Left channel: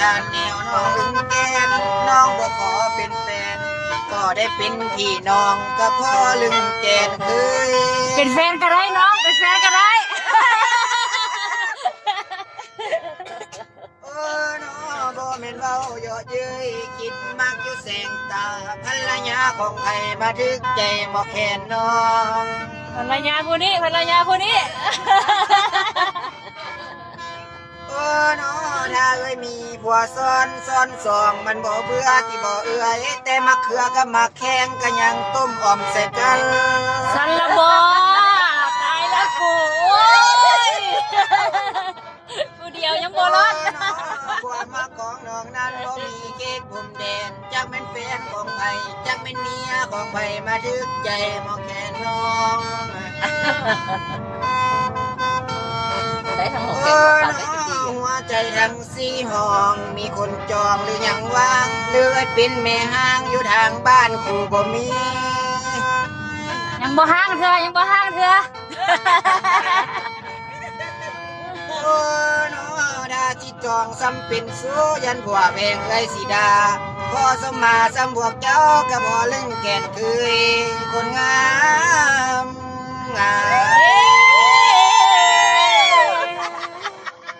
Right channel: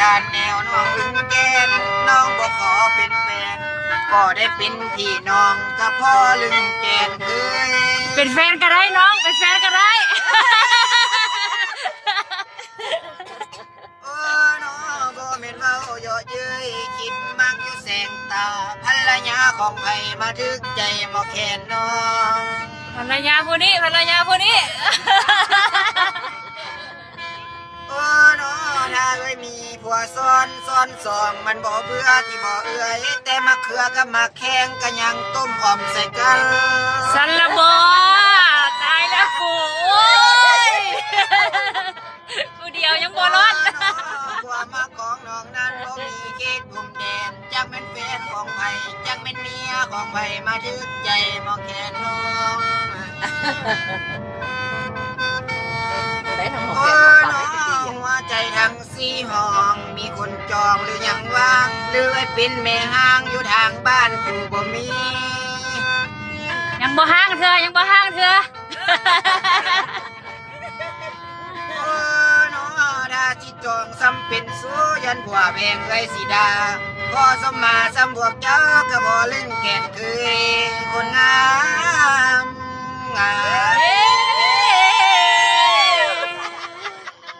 ทานแนวน้องอึ้งแกนน้องบ่ขอเป็นแฟนก็ได้เป็นพี่น้องกับพ่อลึงแกนเคยเป็นแฟนก็ได้น้องเป็นแฟนก็ได้น้อบ่แม่นเว้าเยาะเย้ยคิดมักอยู่แสงตาภรรยาของไผมาถึกใจหมอแคนน้องภรรยาผู้นี้ภรรยาผู้นี้น้อถ้าเอ้ยมีผัวซ้อนสองมันบ่เบื่อที่บ่เอื้อยแต่มักเขือกับมักแข้งก็ยังต้มอ่อมใส่กันสันละบอตายแล้วกูโอ้ยกูเดียวยังบ่รอดความมักของน้องนั้นบ่มีเขตพรมแดนจักเป็นแฟนของไผจักเป็นเมียของไผมาถึกใจหมอแคนน้องได้ทั้งหมดเป็นของฝากได้ดีหัวใจทั้งสี่ห้องมีคนจองหรือยังว่างหรือเป็นแม่ห้างอยู่ทางบ้านกูบ่มียังบ่ห้างเธอยังบ่ห้างเธอน้อดาที่จองซ้ำเป็นสู้ยันผัวแพงไว้สิดาพอสมมาซ้ำบวกเจ้าก็บ่เล่นแก่นคืยคนงาม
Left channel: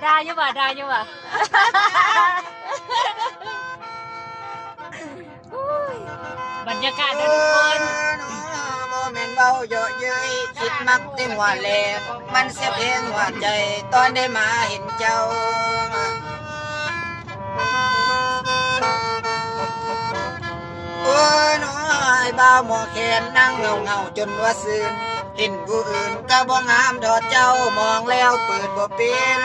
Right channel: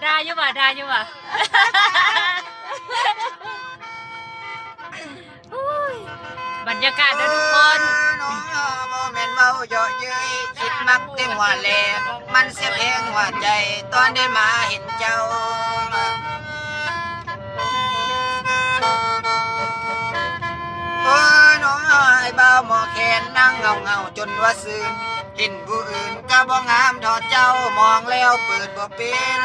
ได้อยู่บ่ได้อยู่บ่บรรยากาศด้วยทุกคนบ่แม่นเว้าเยาะเย้ยคิดมักแต่หัวแหลกมันเสียเพลงหัวใจตอนได้มาเห็นเจ้าน้อไอ้บ่าวหมอแคนนั่งเงาจนว่าซื่นเห็นผู้อื่นก็บ่งามทอดเจ้ามองแล้วเปิดบ่เป็น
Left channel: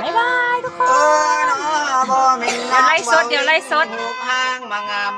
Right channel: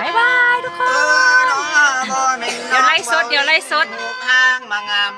บ๊ายบายทุกคนเดี๋ยวไล่สดห้างมางาม